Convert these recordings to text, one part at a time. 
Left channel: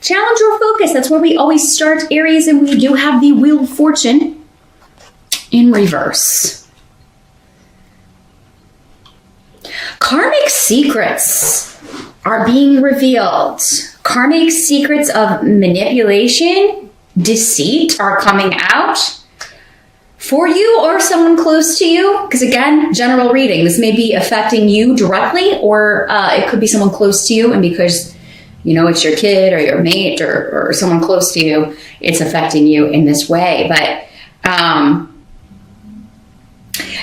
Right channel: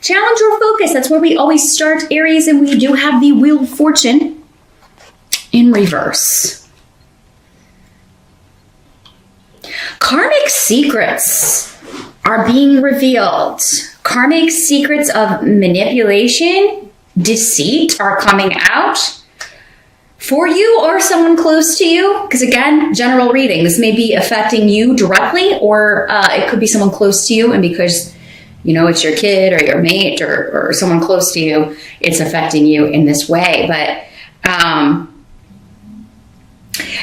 Challenge or focus. That's where we always start, Aries, and we do have the Wheel of Fortune in reverse. Karmic secrets are being revealed. Karmic secrets of manipulation, deceit are coming out. For you or someone close to you, because again, general reading, this may be affecting you directly, or it could be someone close to you, and because, you know, it's your kid or your mate or someone close to you, it's affecting you in this way. But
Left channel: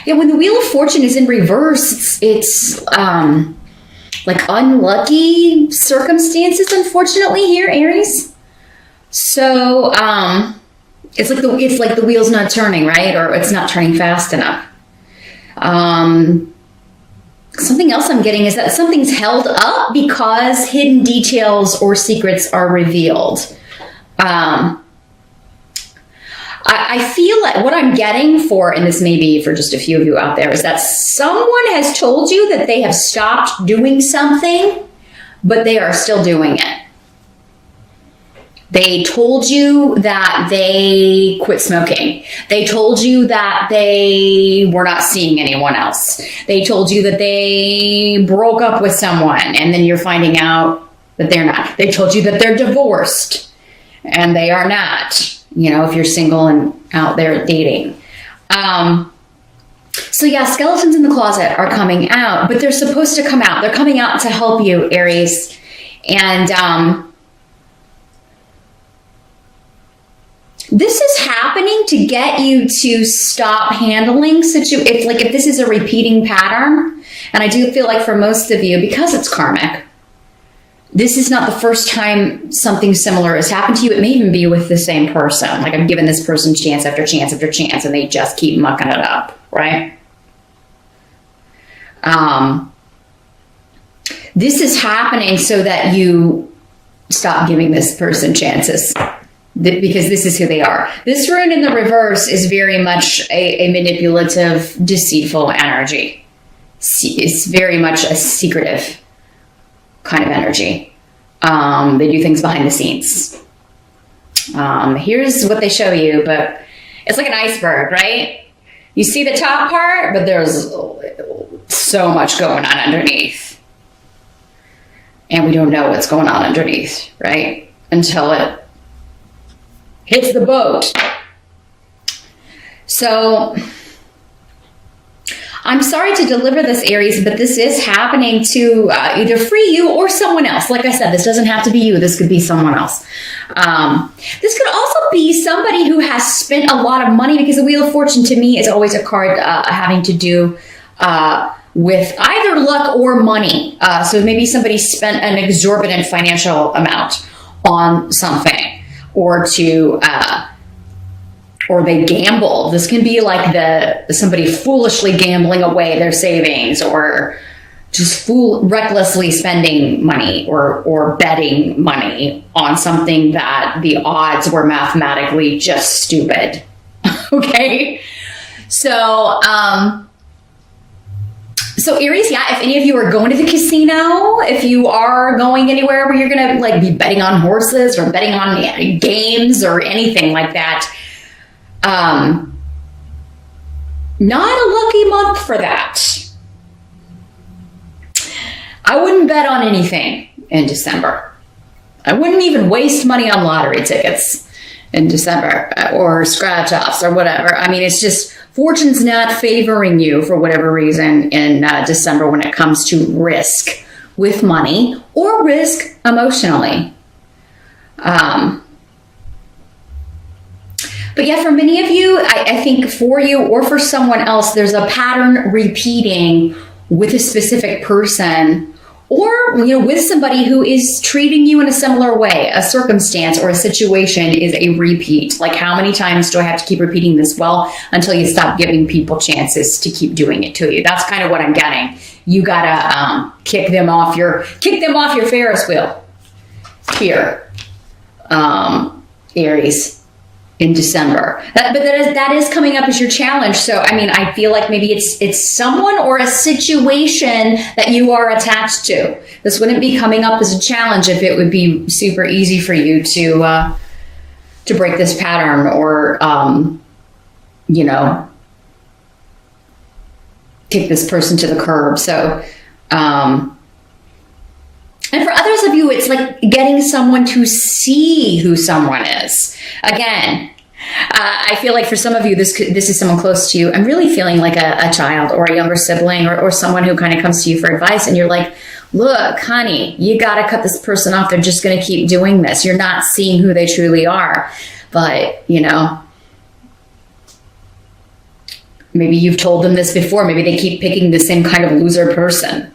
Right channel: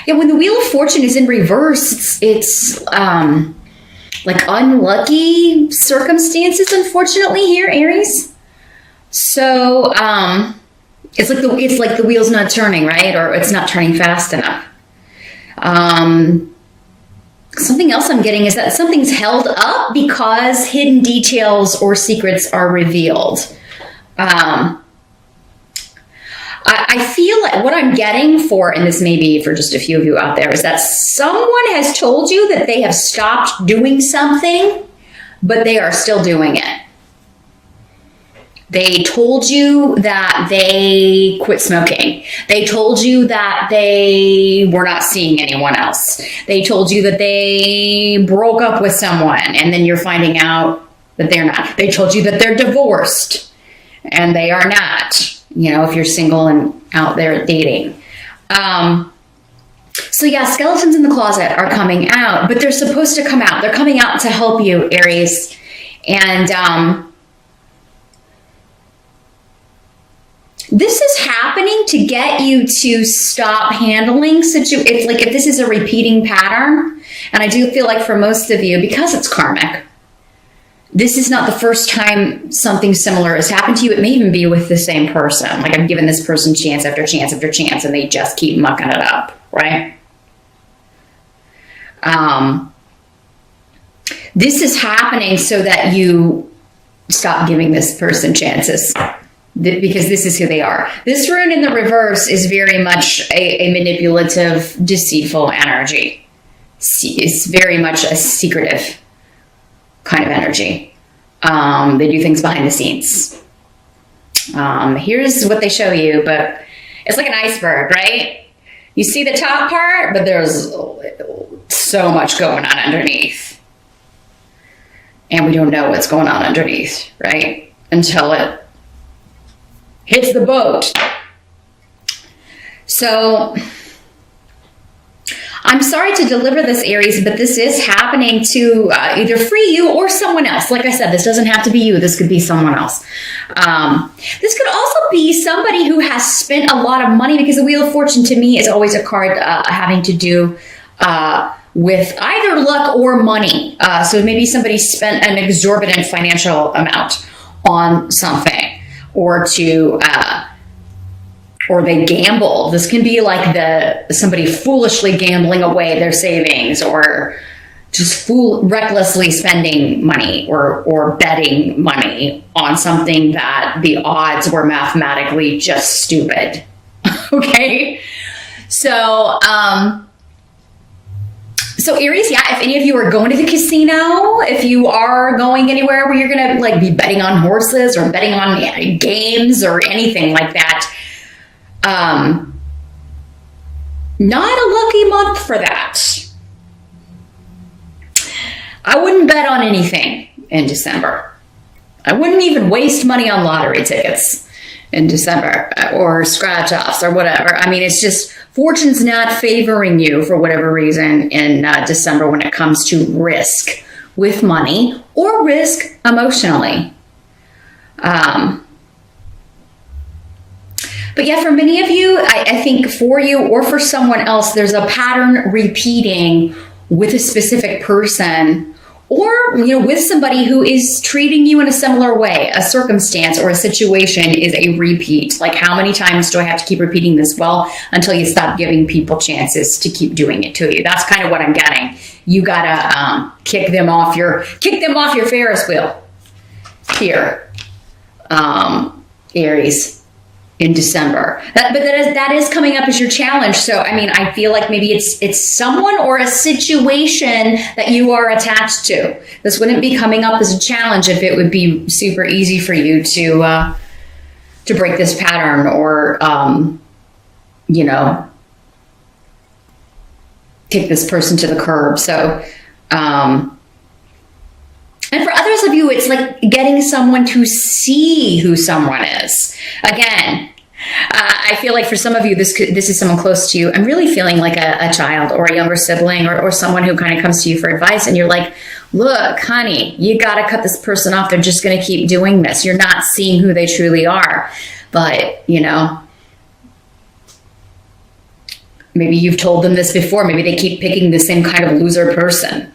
yeah, when the Wheel of Fortune is in reverse, it's like unlucky circumstances, unfortunately, here, Aries. So it's like the wheel's not turning, right? Or it's not turning fast enough. Something else I'm getting is that something's held up because hidden details or secrets are revealed. I feel like what I'm getting for, and this may be for just a few of you out there, is that someone has told you that they have stopped doing something, but they are still doing it. They told you that they quit smoking. They told you that they were not seeing anyone else. They told you that they broke up with someone, and then you're finding out that they're not. They told you that they're divorced, and they are not. You know, if you're single and out there dating. So yeah, skeletons in the closet are coming out, but they're supposed to come out. They're coming out to help you, Aries. And this is happening to get you to stop handling situations. Like if this is a repeating pattern, and I do feel like for most of you, because it's karmic, this is not the first time something similar has happened to you. It may even be with the same person. Like I'm giving this person chance after chance after chance, and they just keep mucking it up, right? This is happening so that you stop giving this person chances, because this is who they are. This rune in the reverse is very much a manipulative, deceitful energy. It's very much a secretive kind of energy. They do things behind the scenes. Here's what they show you, but it's like an iceberg, right? You see the top part, but there's so much going on underneath. And we don't know what's going on underneath, right? Until it hits the boat. So I'm sorry to deliver this, Aries, but this is happening to either free you or someone else. Like I said, this doesn't have to be you. This could be someone else. This could also be somebody who has spent a lot of money, because the Wheel of Fortune to me is always a card having to do with either luck or money. So maybe somebody spent an exorbitant financial amount on something, or they gamble. This can be like somebody foolishly gambling away their savings, or just recklessly spending money or betting money on something that the odds were mathematically just stupid. Okay? So Aries, yeah, if any of you are going to the casino, if you are going anywhere where you're going to like be betting on horses or betting on games or anything like that, not a lucky month for that. I wouldn't bet on anything in December. I wouldn't even waste money on lottery tickets in December or scratch offs or whatever. I mean, it's just fortune's not favoring you for whatever reason in December when it comes to risk with money or risk emotionally. But yeah, for many of you, I think for you or for someone else, there's a pattern repeating with a specific person, or with somebody who is treating you in a similar way. A circumstance or a situation is a repeat. Like, how many times do I have to keep repeating this? Well, until you stop giving people chances to keep doing it to you. That's kind of what I'm getting. You gotta kick them off your Ferris wheel here, Aries. in December. That is coming up as your challenge. So, I mean, I feel like maybe it's someone or a situation that you are attached to. This wouldn't be coming up as a challenge if it would be super easy for you to break this pattern or, kick this person to the curb. So, and for others of you, it's like getting someone to see who someone is. Again, I feel like for some of you, this is someone close to you. I'm really feeling like a child or a younger sibling or someone who kind of comes to you for advice. And you're like, look, honey, you got to cut this person off. They're just going to keep doing this. You're not seeing who they truly are. But, maybe you've told them this before. Maybe they keep picking the same kind of loser person.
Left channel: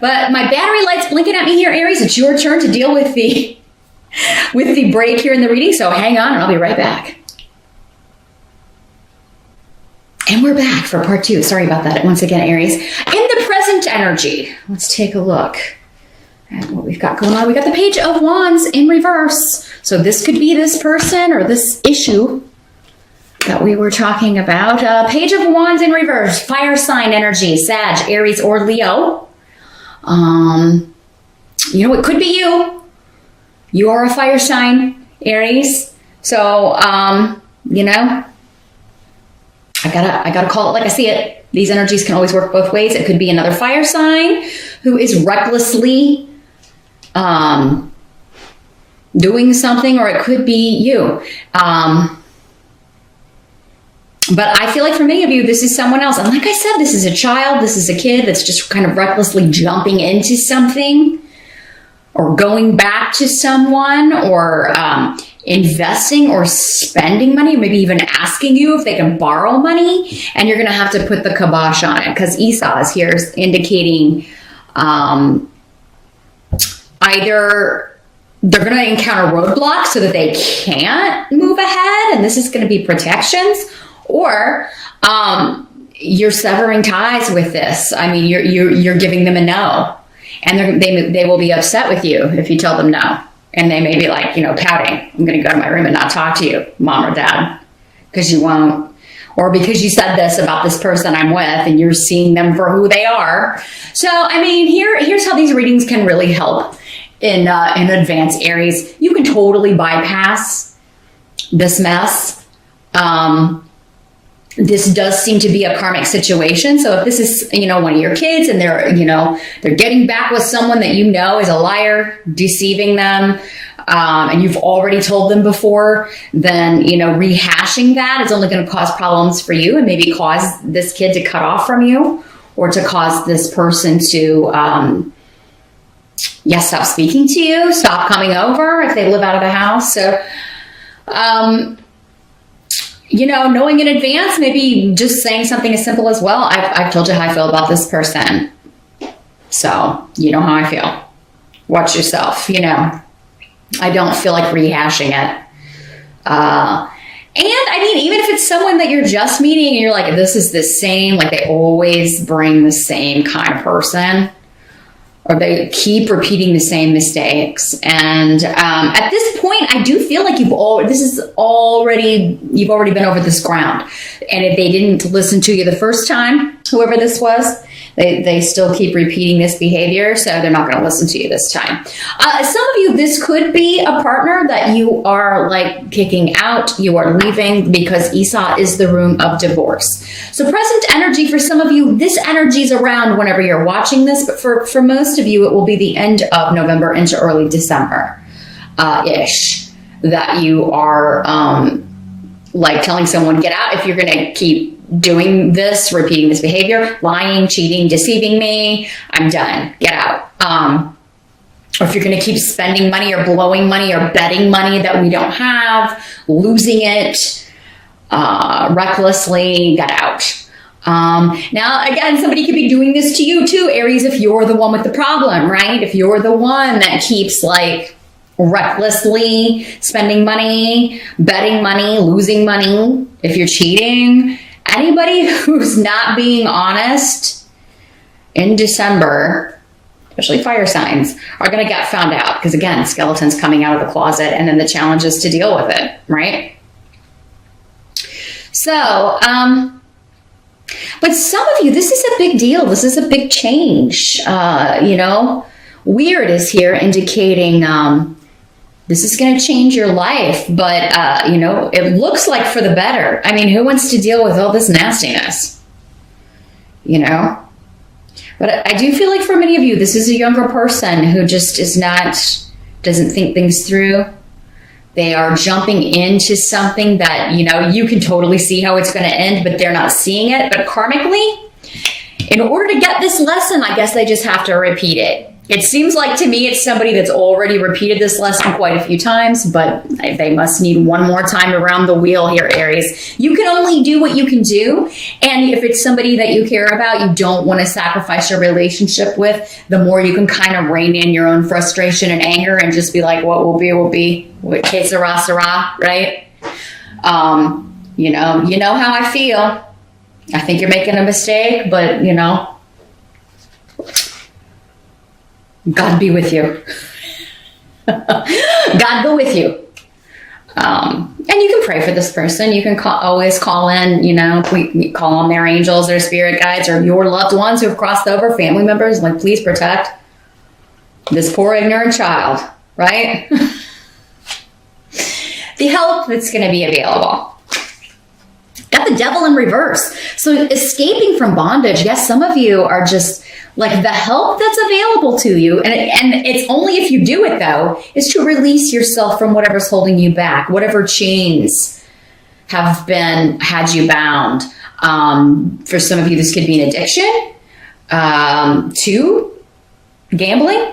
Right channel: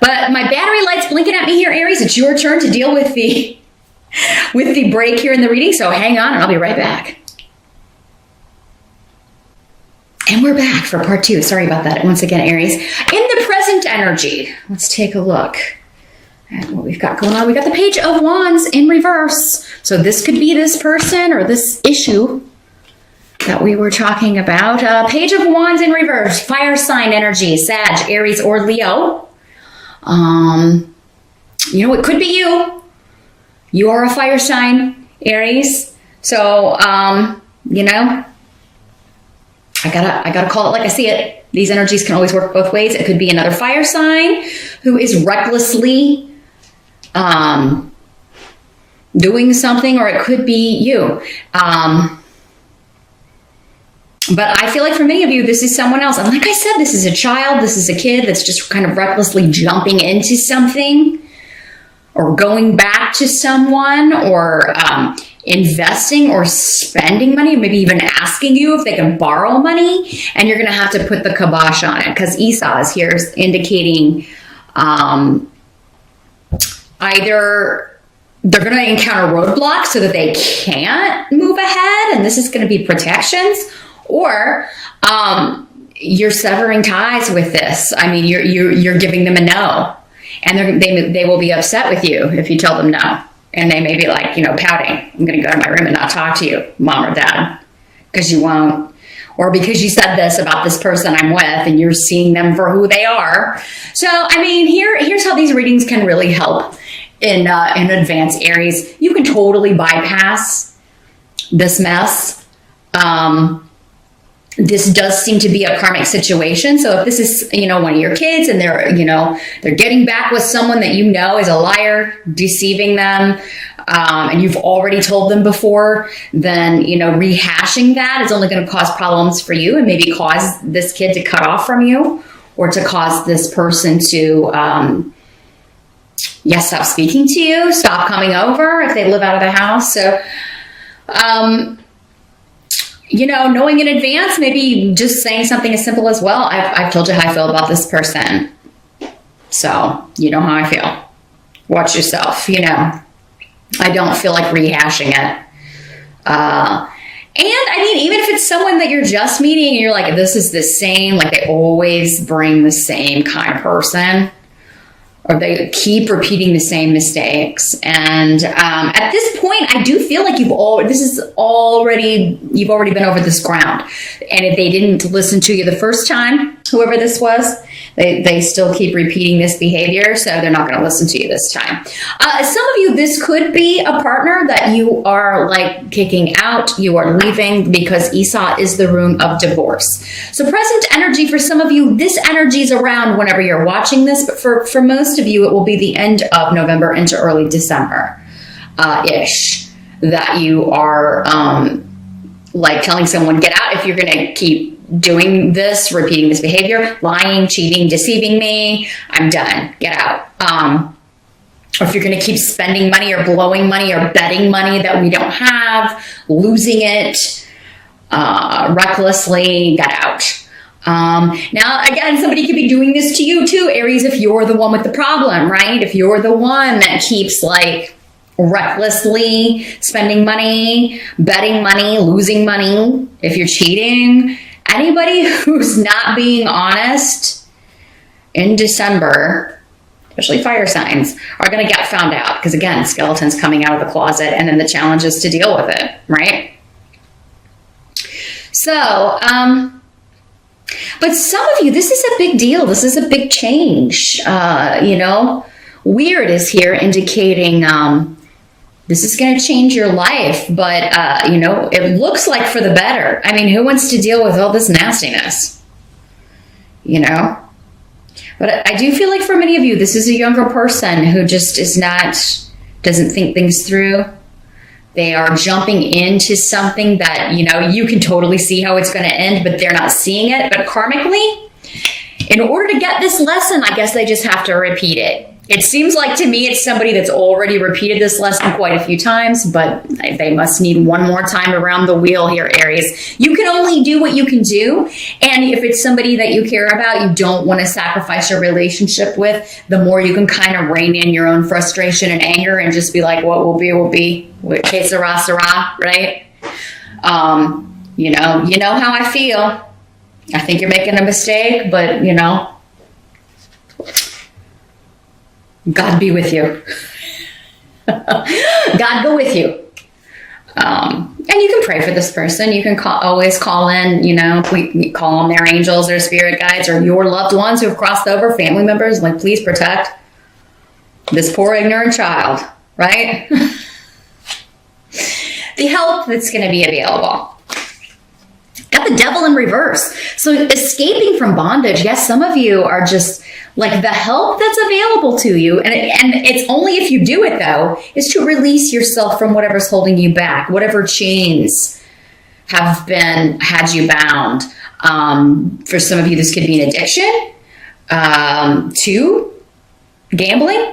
But my battery light's blinking at me here, Aries. It's your turn to deal with the break here in the reading. So hang on and I'll be right back. And we're back for part 2. Sorry about that. Once again, Aries. In the present energy, let's take a look at what we've got going on. We got the Page of Wands in reverse. So this could be this person or this issue that we were talking about. Page of Wands in reverse. Fire sign energy. Sag, Aries, or Leo. It could be you. You are a fire sign, Aries. So, I gotta call it like I see it. These energies can always work both ways. It could be another fire sign who is recklessly, doing something, or it could be you. But I feel like for many of you, this is someone else. And like I said, this is a child. This is a kid that's just kind of recklessly jumping into something or going back to someone or investing or spending money, or maybe even asking you if they can borrow money. And you're going to have to put the kibosh on it because Esau is here indicating either they're going to encounter roadblocks so that they can't move ahead. And this is going to be protections. Or you're severing ties with this. I mean, you're giving them a no, and they will be upset with you if you tell them no, and they may be like, pouting. I'm going to go to my room and not talk to you, mom or dad, because you won't, or because you said this about this person I'm with, and you're seeing them for who they are. So, I mean, here's how these readings can really help in advance, Aries. You can totally bypass this mess. This does seem to be a karmic situation. So if this is, one of your kids and they're getting back with someone that is a liar, deceiving them, and you've already told them before, then, rehashing that is only going to cause problems for you and maybe cause this kid to cut off from you or to cause this person to, stop speaking to you, stop coming over if they live out of the house. So, knowing in advance, maybe just saying something as simple as, well, I've told you how I feel about this person. So, you know how I feel. Watch yourself, I don't feel like rehashing it. And I mean, even if it's someone that you're just meeting and you're like, this is the same, like they always bring the same kind of person, or they keep repeating the same mistakes. And at this point, I do feel like you've already been over this ground. And if they didn't listen to you the first time, whoever this was, they still keep repeating this behavior, so they're not going to listen to you this time. Some of you, this could be a partner that you are like kicking out, you are leaving, because Esau is the rune of divorce. So present energy for some of you, this energy is around whenever you're watching this, but for most of you, it will be the end of November into early December ish that you are like telling someone, get out if you're going to keep doing this, repeating this behavior, lying, cheating, deceiving me, I'm done, get out. Or if you're going to keep spending money or blowing money or betting money that we don't have, losing it recklessly, get out. Now, again, somebody could be doing this to you too, Aries, if you're the one with the problem, right? If you're the one that keeps like recklessly spending money, betting money, losing money, if you're cheating, anybody who's not being honest in December, especially fire signs, are going to get found out. Because again, skeletons coming out of the closet and then the challenge is to deal with it, right? So, but some of you, this is a big deal. This is a big change. Weird is here indicating this is going to change your life, but, it looks like for the better. I mean, who wants to deal with all this nastiness? But I do feel like for many of you, this is a younger person who just doesn't think things through. They are jumping into something that, you can totally see how it's going to end, but they're not seeing it. But karmically, in order to get this lesson, I guess they just have to repeat it. It seems like to me it's somebody that's already repeated this lesson quite a few times, but they must need one more time around the wheel here, Aries. You can only do what you can do. And if it's somebody that you care about, you don't want to sacrifice your relationship with, the more you can kind of rein in your own frustration and anger and just be like, what will be, will be. Okay, Sarah, right? You know how I feel. I think you're making a mistake, but, God be with you. God go with you. And you can pray for this person. You can always call in, we call on their angels or spirit guides or your loved ones who have crossed over, family members, like, please protect this poor ignorant child, right? The help that's going to be available. Got the devil in reverse. So escaping from bondage, yes, some of you are just like the help that's available to you. And it's only if you do it, though, is to release yourself from whatever's holding you back, whatever chains have had you bound. For some of you, this could be an addiction to gambling.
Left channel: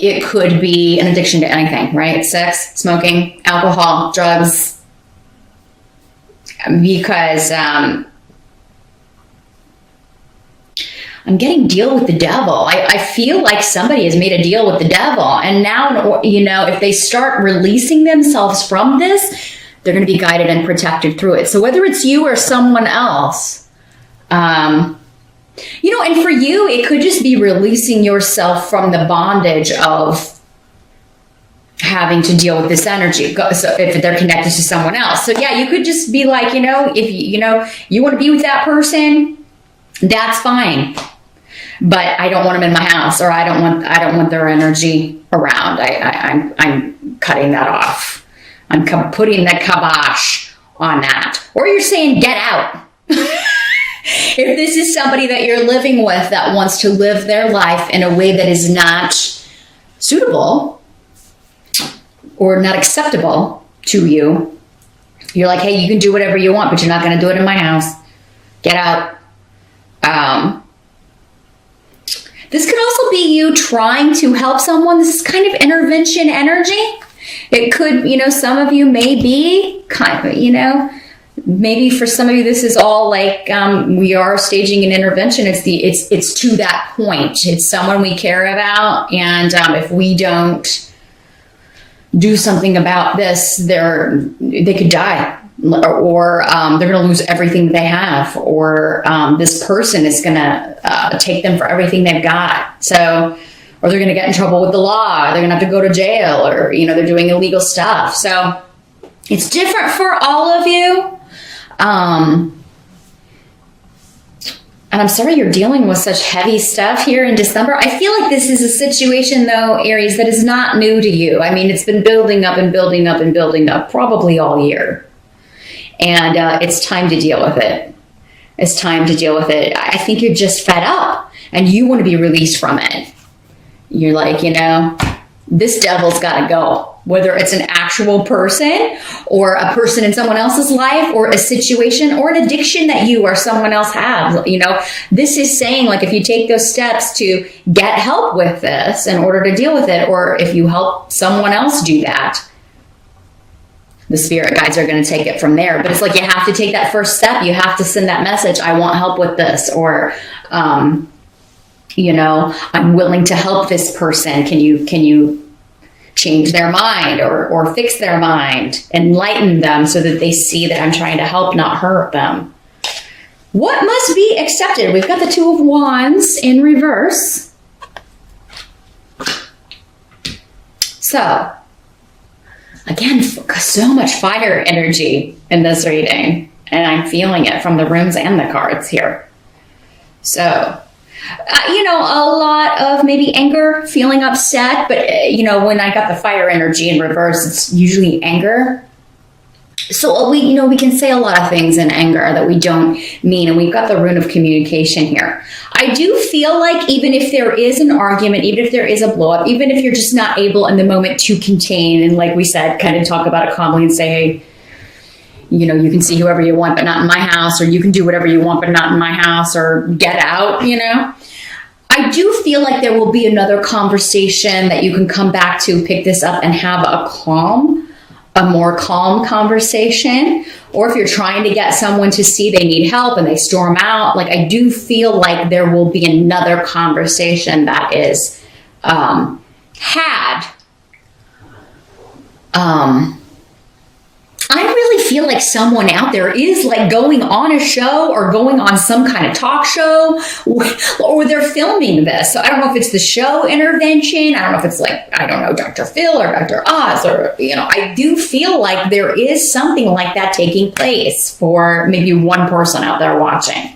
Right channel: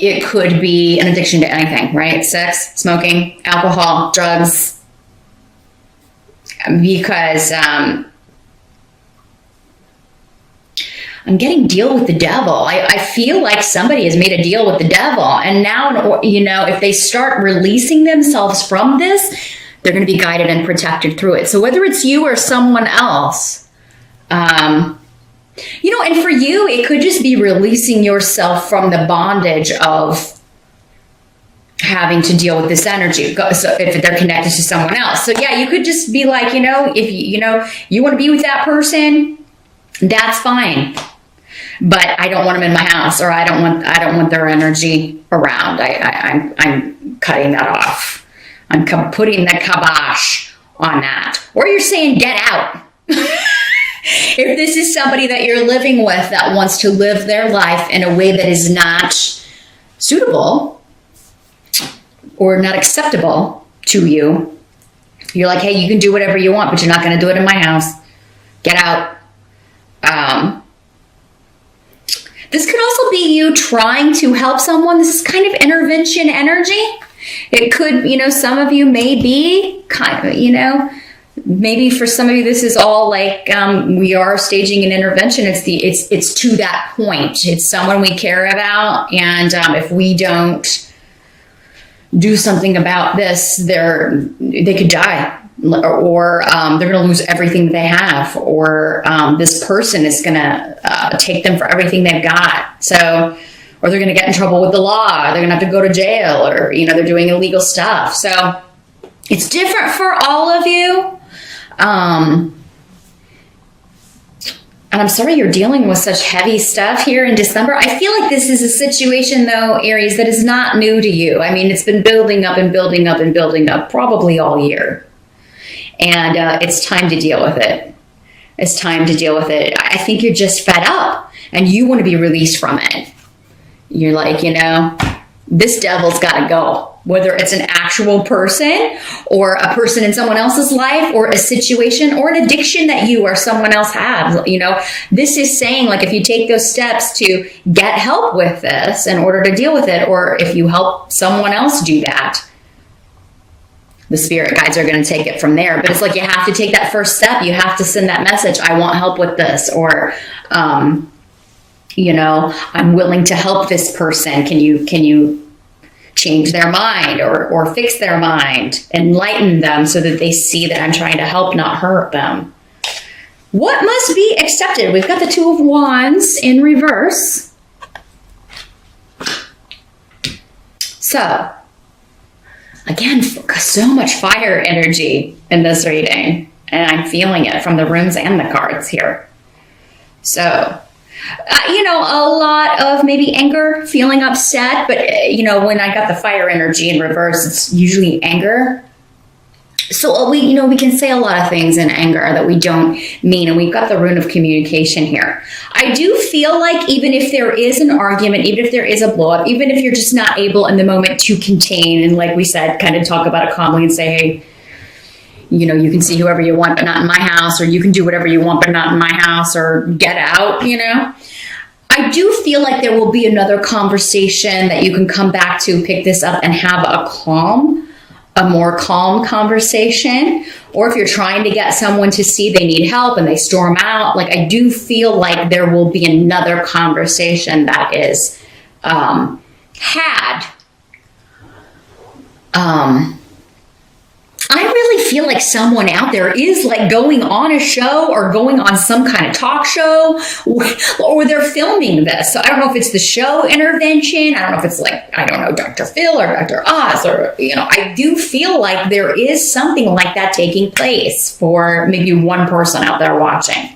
It could be an addiction to anything, right? Sex, smoking, alcohol, drugs. Because I'm getting deal with the devil. I feel like somebody has made a deal with the devil. And now, if they start releasing themselves from this, they're going to be guided and protected through it. So whether it's you or someone else, and for you, it could just be releasing yourself from the bondage of having to deal with this energy. So if they're connected to someone else. So yeah, you could just be like, if you want to be with that person, that's fine. But I don't want them in my house, or I don't want their energy around. I'm cutting that off. I'm putting the kibosh on that. Or you're saying, get out. If this is somebody that you're living with that wants to live their life in a way that is not suitable or not acceptable to you, you're like, hey, you can do whatever you want, but you're not going to do it in my house. Get out. This could also be you trying to help someone. This is kind of intervention energy. It could, some of you may be kind of, maybe for some of you, this is all like, we are staging an intervention. It's to that point. It's someone we care about. And if we don't do something about this, they could die, or they're going to lose everything they have, or this person is going to take them for everything they've got. So, or they're going to get in trouble with the law. They're going to have to go to jail, or they're doing illegal stuff. So it's different for all of you. And I'm sorry you're dealing with such heavy stuff here in December. I feel like this is a situation, though, Aries, that is not new to you. I mean, it's been building up and building up and building up probably all year. And it's time to deal with it. It's time to deal with it. I think you're just fed up and you want to be released from it. You're like, this devil's got to go. Whether it's an actual person or a person in someone else's life or a situation or an addiction that you or someone else has, this is saying, like, if you take those steps to get help with this in order to deal with it, or if you help someone else do that, the spirit guides are going to take it from there. But it's like, you have to take that first step. You have to send that message. I want help with this, or, I'm willing to help this person. Can you change their mind or fix their mind, enlighten them so that they see that I'm trying to help, not hurt them. What must be accepted? We've got the Two of Wands in reverse. So Again, so much fire energy in this reading. And I'm feeling it from the runes and the cards here. So, a lot of maybe anger, feeling upset. But, when I got the fire energy in reverse, it's usually anger. So we can say a lot of things in anger that we don't mean, and we've got the rune of communication here. I do feel like even if there is an argument, even if there is a blow up, even if you're just not able in the moment to contain, and like we said, kind of talk about it calmly and say, hey, you can see whoever you want, but not in my house, or you can do whatever you want, but not in my house, or get out, I do feel like there will be another conversation that you can come back to, pick this up, and have a more calm conversation. Or if you're trying to get someone to see they need help and they storm out, like I do feel like there will be another conversation that is had. I really feel like someone out there is like going on a show or going on some kind of talk show, or they're filming this. So I don't know if it's the show intervention. I don't know if it's like, Dr. Phil or Dr. Oz, or, I do feel like there is something like that taking place for maybe one person out there watching.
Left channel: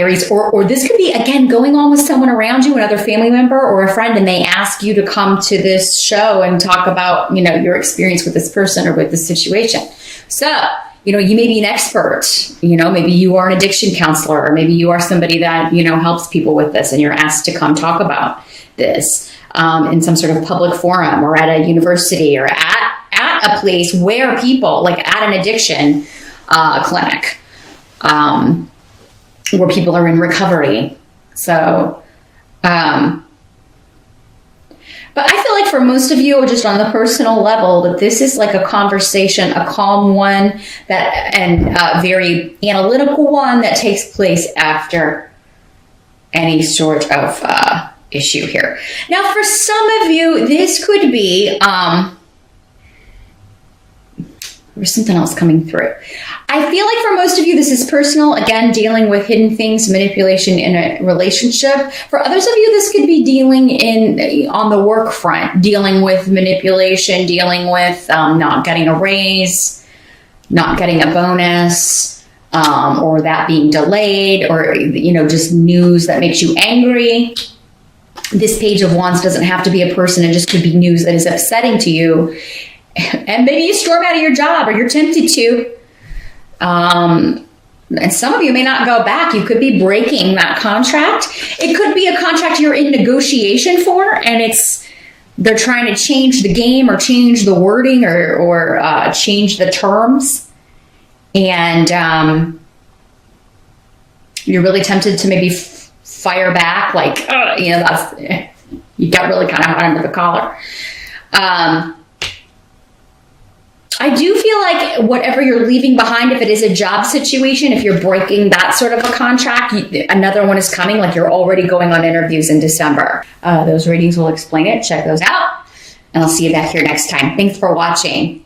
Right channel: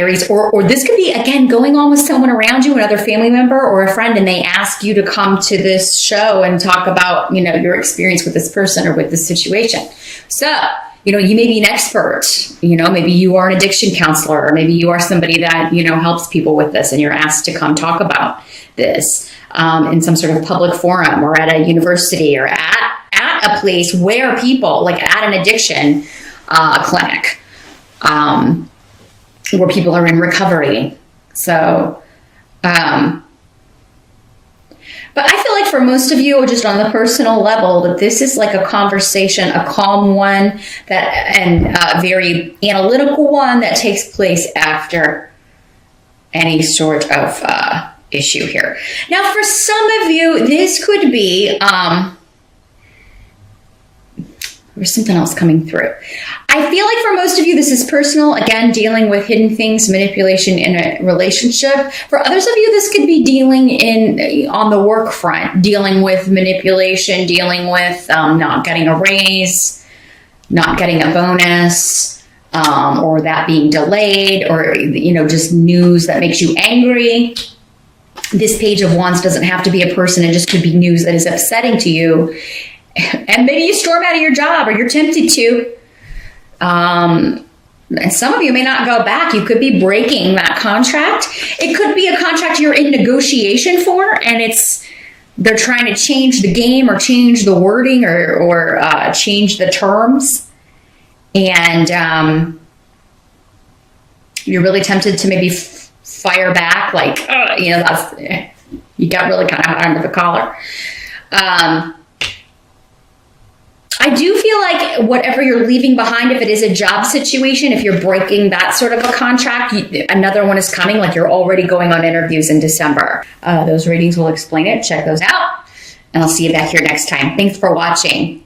Aries, or this could be, again, going on with someone around you, another family member or a friend, and they ask you to come to this show and talk about, your experience with this person or with this situation. So, you may be an expert, maybe you are an addiction counselor, or maybe you are somebody that, helps people with this, and you're asked to come talk about this in some sort of public forum, or at a university, or at a place where people, like at an addiction clinic, where people are in recovery. So, but I feel like for most of you, just on the personal level, that this is like a conversation, a calm one, and a very analytical one that takes place after any sort of issue here. Now, for some of you, this could be, there's something else coming through. I feel like for most of you, this is personal. Again, dealing with hidden things, manipulation in a relationship. For others of you, this could be dealing on the work front, dealing with manipulation, dealing with not getting a raise, not getting a bonus, or that being delayed, or, just news that makes you angry. This Page of Wands doesn't have to be a person. It just could be news that is upsetting to you. And maybe you storm out of your job, or you're tempted to. And some of you may not go back. You could be breaking that contract. It could be a contract you're in negotiation for, and they're trying to change the game, or change the wording, or change the terms. And you're really tempted to maybe fire back, like, you got really kind of under the collar. I do feel like whatever you're leaving behind, if it is a job situation, if you're breaking that sort of a contract, another one is coming, like you're already going on interviews in December. Those readings will explain it. Check those out. And I'll see you back here next time. Thanks for watching.